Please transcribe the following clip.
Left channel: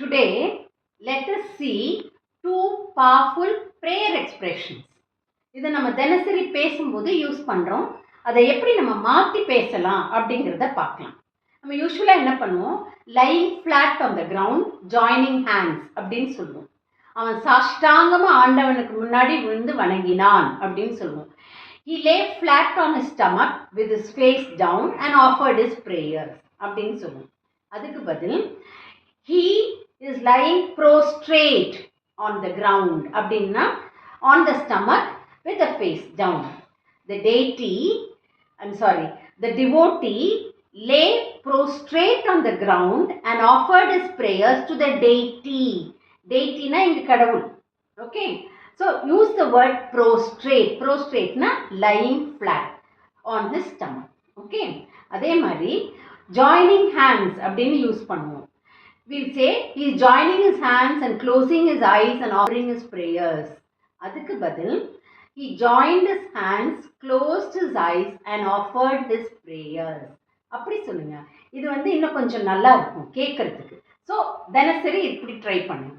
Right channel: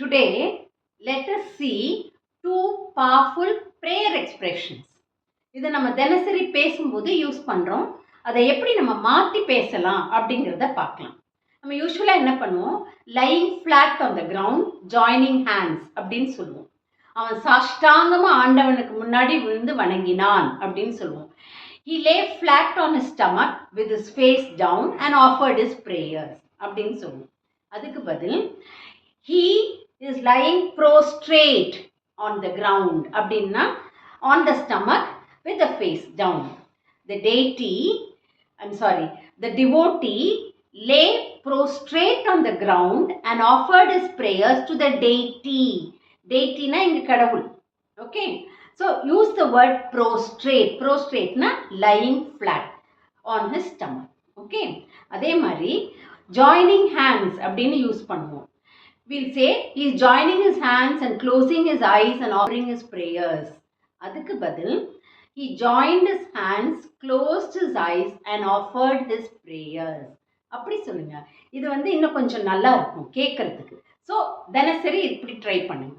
Today, let us see two powerful prayer expressions. இதை நம்ம தினசரி பேசும்போது யூஸ் பண்ணுறோம். அதை எப்படி நம்ம மாற்றி பேசலாம் அப்படிங்கிறத பார்க்கலாம். நம்ம யூஸ்வலாக என்ன பண்ணுவோம், lying flat on the ground joining hands அப்படின்னு சொல்லுவோம். அவன் சாஷ்டாங்கமாக ஆண்டவனுக்கு முன்னாடி விழுந்து வணங்கினான் அப்படின்னு சொல்லுவோம். He lay flat on his stomach with his face down and offered his prayers அப்படின்னு சொல்லுவோம். அதுக்கு பதில் he is lying prostrate on the ground அப்படின்னா on the stomach with the face down. The devotee lay prostrate on the ground and offered his prayers to the deity. Deity-na இங்கு கடவுள். Okay. So use the word prostrate. Prostrate na lying flat on his stomach. Okay. அதே மாதிரி joining hands அப்படின்னு use பண்ணுவோம். We'll say he is joining his hands and closing his eyes and offering his prayers. அதுக்கு பதில் he joined his hands, closed his eyes and offered his prayers. அப்படி சொல்லுங்க. இது இன்னும் கொஞ்சம் நல்லா இருக்கும் கேட்கறதுக்கு. ஸோ தினசரி இப்படி ட்ரை பண்ணுங்க.